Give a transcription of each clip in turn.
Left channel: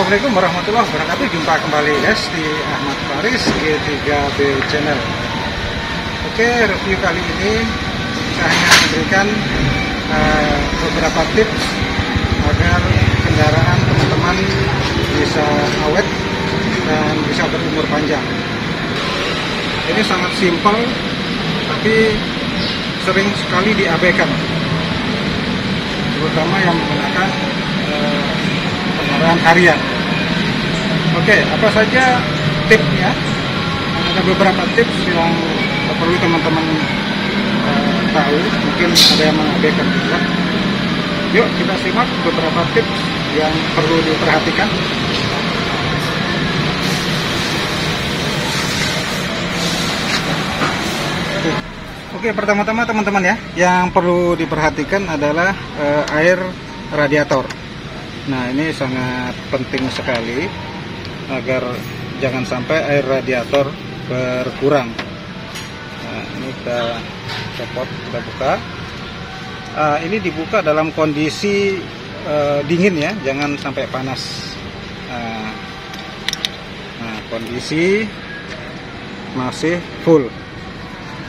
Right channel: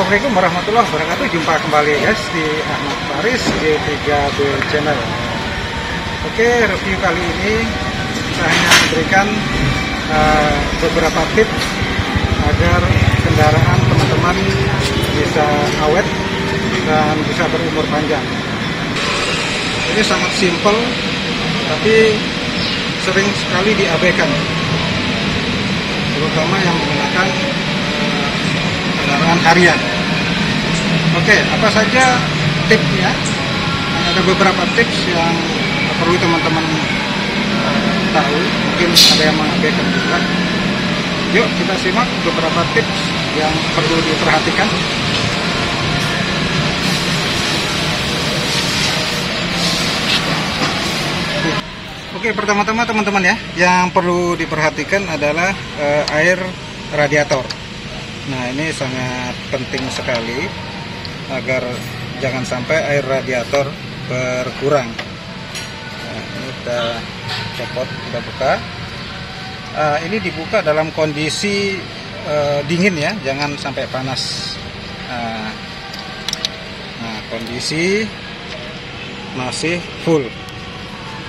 Assalamualaikum warahmatullahi wabarakatuh. Jumpa kembali guys di Ahmad Faris G3B Channel. Oke, review kali ini saya hanya memberikan beberapa tips agar kendaraan teman-teman bisa awet dan bisa berumur panjang. Ini sangat simpel, tapi sering sekali diabaikan, terutama yang menggunakan kendaraan harian. Oke, apa saja tipsnya? Ada beberapa tips yang perlu teman-teman tahu, mungkin ada yang mengabaikan juga. Yuk kita simak beberapa tips yang perlu diperhatikan. Oke, pertama-tama teman-teman ya, yang perlu diperhatikan adalah air radiator. Nah, ini sangat penting sekali agar jangan sampai air radiator berkurang. Nah, ini kita copot, kita buka. Ini dibuka dalam kondisi dingin ya, jangan sampai panas. Nah, kondisi masih full.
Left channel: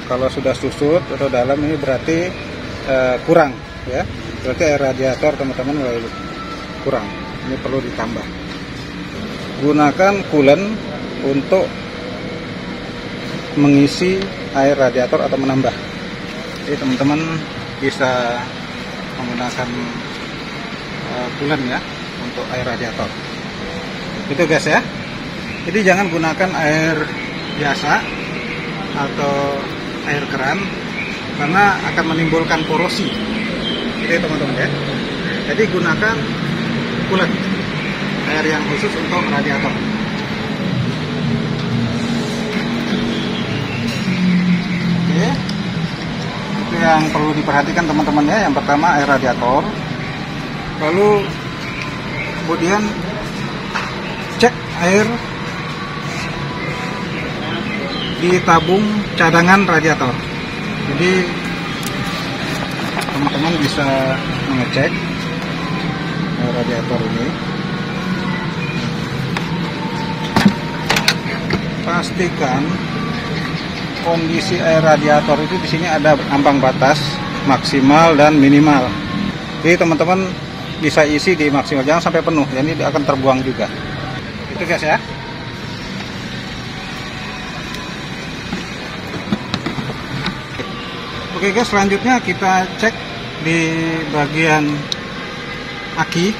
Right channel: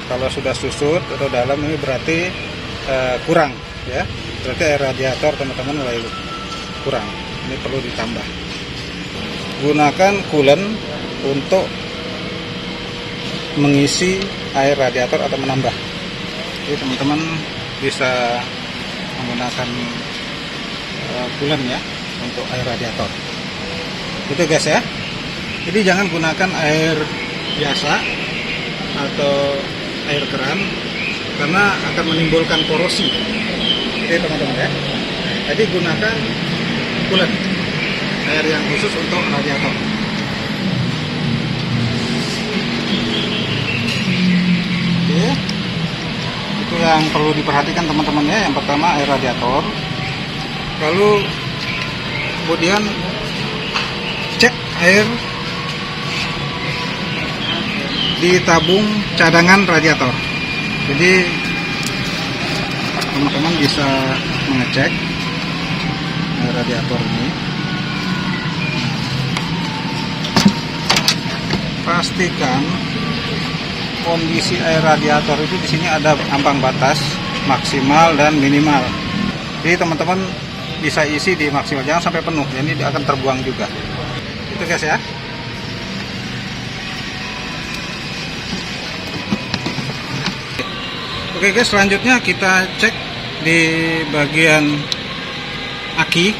Kalau sudah susut atau dalam ini berarti kurang ya, berarti air radiator teman-teman mulai kurang. Ini perlu ditambah. Gunakan coolant untuk mengisi air radiator atau menambah. Jadi teman-teman bisa menggunakan coolant ya untuk air radiator. Itu guys ya. Jadi jangan gunakan air biasa atau air keran karena akan menimbulkan korosi. Jadi teman-teman ya. Jadi gunakan coolant, air yang khusus untuk radiator. Oke, itu yang perlu diperhatikan teman-teman ya. Yang pertama air radiator, lalu kemudian cek air di tabung cadangan radiator. Jadi teman-teman bisa mengecek radiator ini. Pastikan kondisi air radiator itu di sini ada ambang batas maksimal dan minimal. Jadi teman-teman bisa isi di maksimal, jangan sampai penuh. Jadi dia akan terbuang juga. Itu guys ya. Oke guys, selanjutnya kita cek di bagian aki.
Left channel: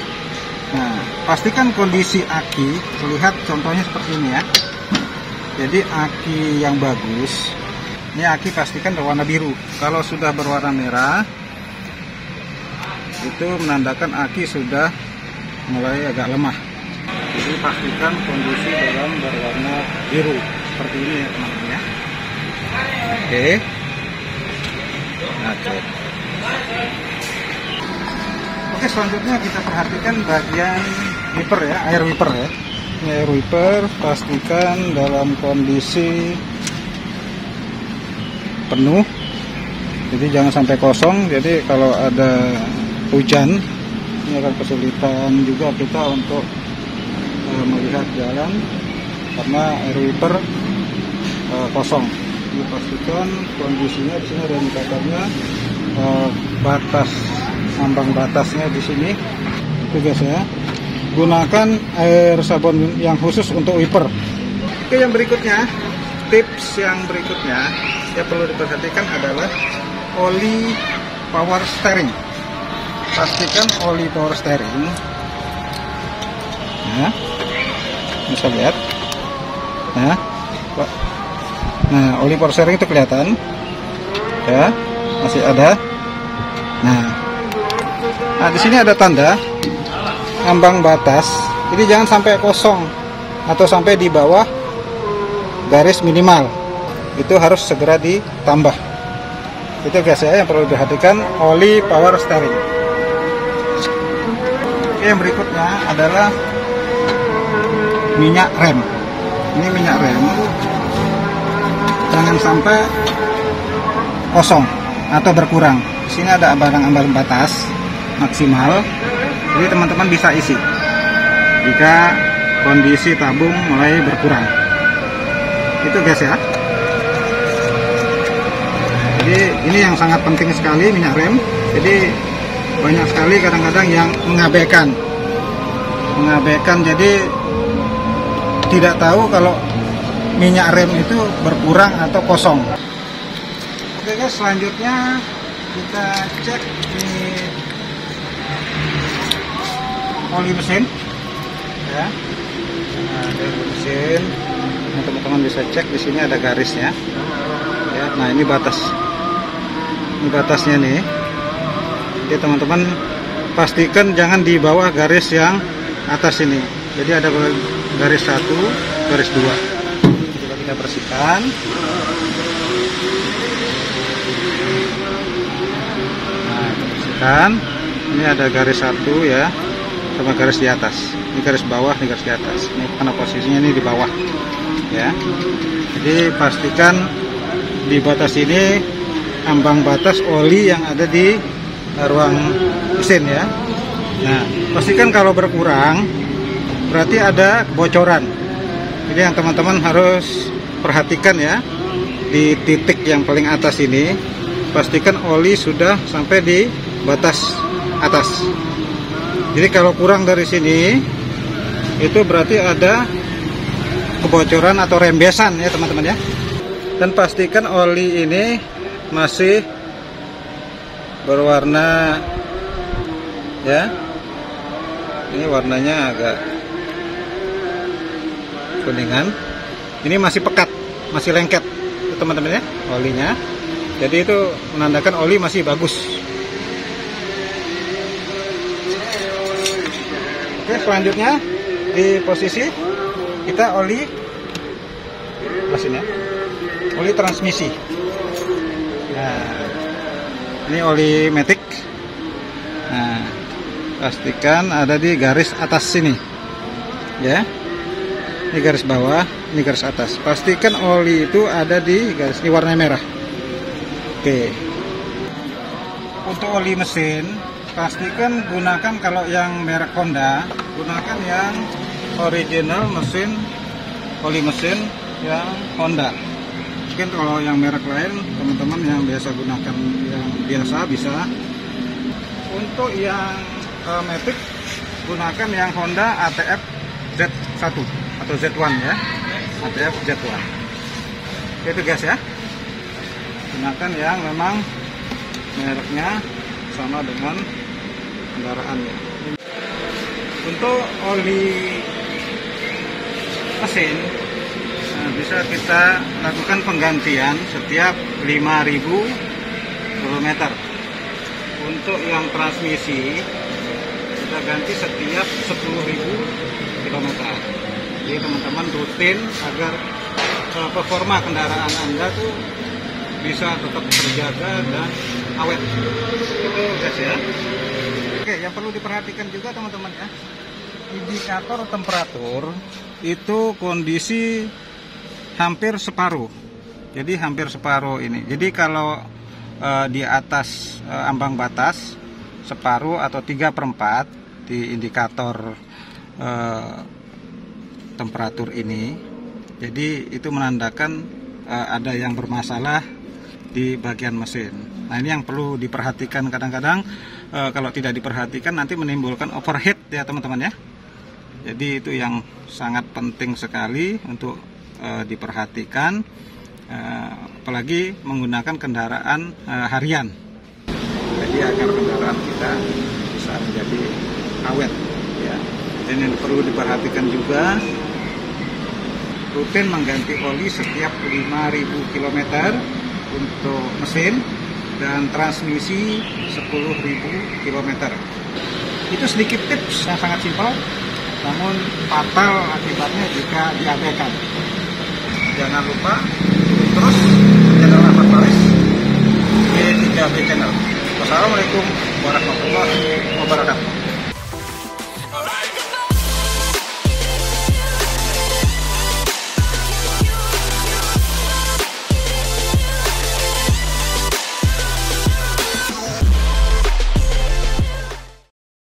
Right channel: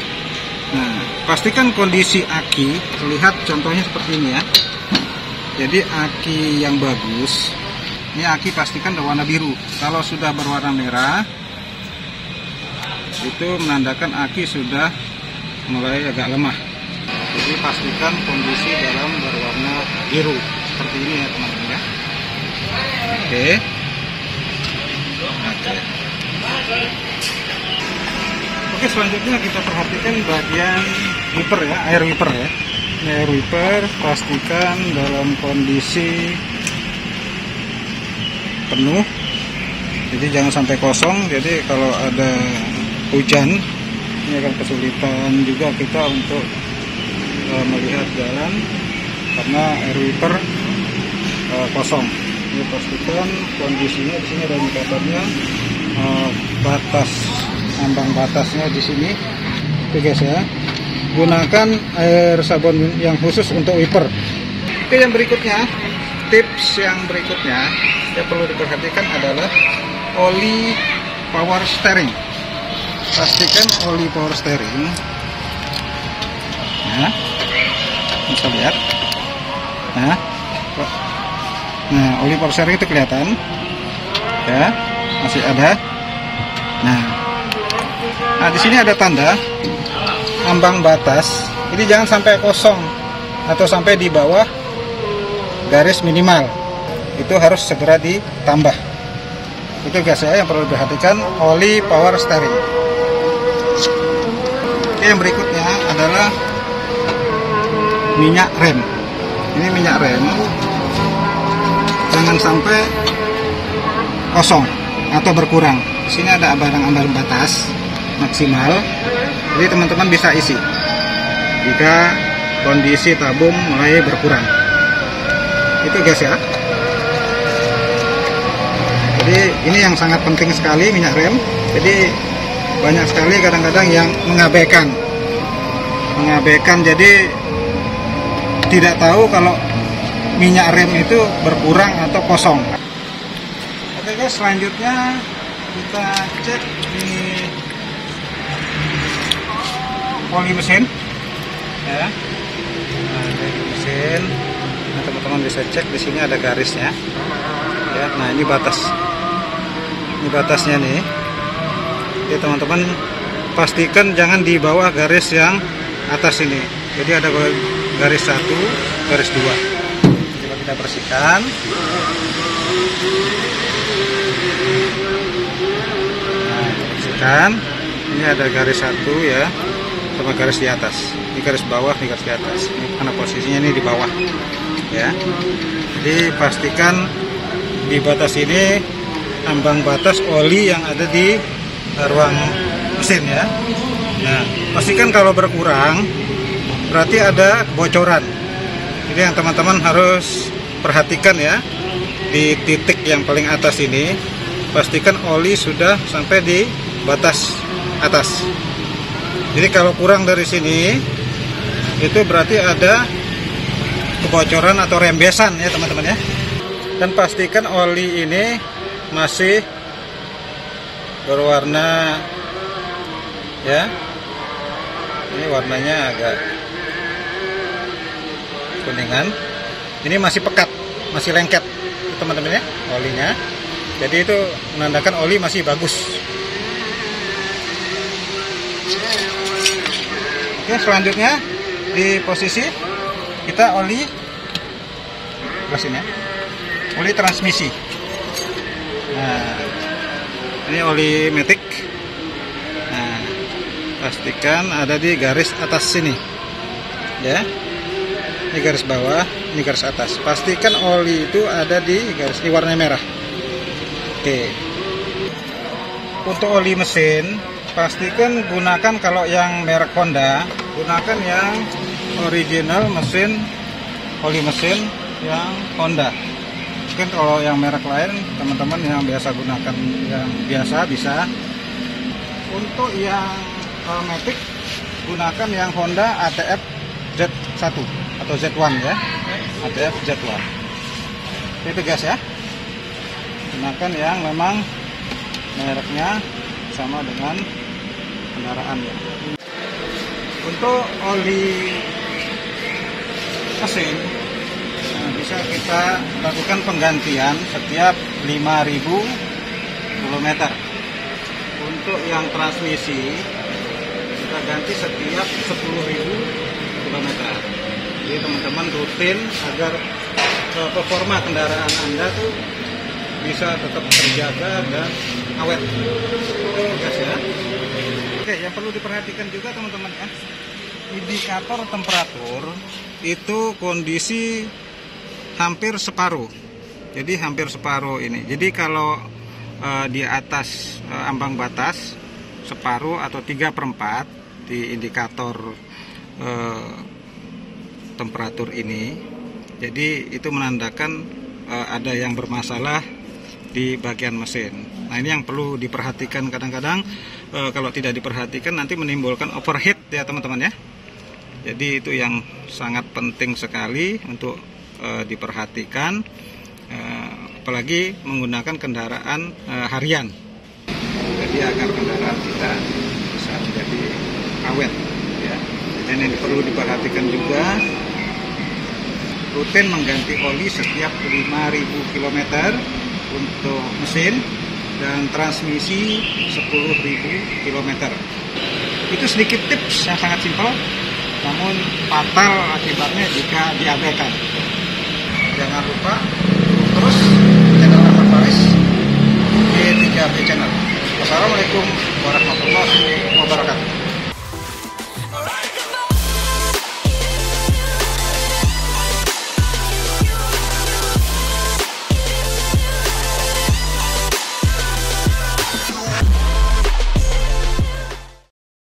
Nah, pastikan kondisi aki, terlihat contohnya seperti ini ya. Jadi aki yang bagus, ini aki pastikan berwarna biru. Kalau sudah berwarna merah, itu menandakan aki sudah mulai agak lemah. Jadi pastikan kondisi dalam berwarna biru seperti ini ya teman-teman ya. Oke. Oke, selanjutnya kita perhatikan bagian wiper ya, air wiper ya. Ini air wiper, pastikan dalam kondisi penuh. Jadi jangan sampai kosong. Jadi kalau ada hujan, ini akan kesulitan juga kita untuk melihat jalan karena air wiper kosong. Ini pastikan kondisinya di sini ada indikatornya, batas ambang batasnya di sini. Itu guys ya. Gunakan air sabun yang khusus untuk wiper. Oke, yang berikutnya, tips yang berikutnya yang perlu diperhatikan adalah oli power steering. Pastikan oli power steering. Nah, bisa lihat. Nah, oli power steering itu kelihatan ya, masih ada. Nah, di sini ada tanda ambang batas. Jadi jangan sampai kosong atau sampai di bawah garis minimal. Itu harus segera ditambah. Itu guys ya yang perlu diperhatikan, oli power steering. Oke, yang berikutnya adalah minyak rem. Ini minyak rem jangan sampai kosong atau berkurang. Sini ada ambang batas maksimal, jadi teman-teman bisa isi. jika kondisi tabung mulai berkurang. Itu guys ya. Jadi ini yang sangat penting sekali, minyak rem. Jadi banyak sekali kadang-kadang yang mengabaikan, jadi tidak tahu kalau minyak rem itu berkurang atau kosong. Oke guys, selanjutnya kita cek ini oli mesin ya. Nah, dari mesin, teman-teman bisa cek di sini ada garisnya ya. Nah, ini batasnya nih. Jadi teman-teman pastikan jangan di bawah garis yang atas ini. Jadi ada garis 1, garis 2. Coba kita bersihkan. Nah, kita bersihkan. Ini ada garis 1 ya, sama garis di atas. Ini garis bawah, ini garis di atas. Ini karena posisinya ini di bawah ya. Jadi pastikan di batas ini ambang batas oli yang ada di ruang mesin ya. Nah, pastikan kalau berkurang berarti ada kebocoran. Jadi yang teman-teman harus perhatikan ya, di titik yang paling atas ini pastikan oli sudah sampai di batas atas. Jadi kalau kurang dari sini itu berarti ada kebocoran atau rembesan ya teman-teman ya. Dan pastikan oli ini masih berwarna ya. Ini warnanya agak kuningan. Ini masih pekat, masih lengket teman-teman ya olinya. Jadi itu menandakan oli masih bagus. Oke, selanjutnya di posisi kita oli mesin ya. Oli transmisi. Nah, ini oli matic. Nah, pastikan ada di garis atas sini ya. Ini garis bawah, ini garis atas. Pastikan oli itu ada di garis ini warna merah. Oke. Untuk oli mesin, pastikan gunakan kalau yang merek Honda, gunakan yang original mesin, oli mesin yang Honda. Mungkin kalau yang merek lain, teman-teman yang biasa gunakan yang biasa bisa. Untuk yang matic, gunakan yang Honda ATF Z1 atau Z1 ya, ATF Z1. Itu guys ya. Gunakan yang memang mereknya sama dengan kendaraannya. Untuk oli mesin, bisa kita lakukan penggantian setiap 5.000 km. Untuk yang transmisi kita ganti setiap 10.000 km. Jadi teman-teman rutin agar performa kendaraan Anda tuh bisa tetap terjaga dan awet. Itu guys ya. Oke, yang perlu diperhatikan juga teman-teman ya, indikator temperatur itu kondisi hampir separuh. Jadi hampir separuh ini. Jadi kalau di atas ambang batas separuh atau 3/4 di indikator temperatur ini, jadi itu menandakan ada yang bermasalah di bagian mesin. Nah, ini yang perlu diperhatikan. Kadang-kadang kalau tidak diperhatikan nanti menimbulkan overheat ya teman-teman ya. Jadi itu yang sangat penting sekali untuk diperhatikan, apalagi menggunakan kendaraan harian. Jadi agar kendaraan kita bisa menjadi awet ya. Dan yang perlu diperhatikan juga, rutin mengganti oli setiap 5.000 km untuk mesin dan transmisi 10.000 km. Itu sedikit tips yang sangat simpel, namun fatal akibatnya jika diabaikan. Jangan lupa terus channel Ahmad Faris di 3B Channel. Wassalamualaikum warahmatullahi wabarakatuh.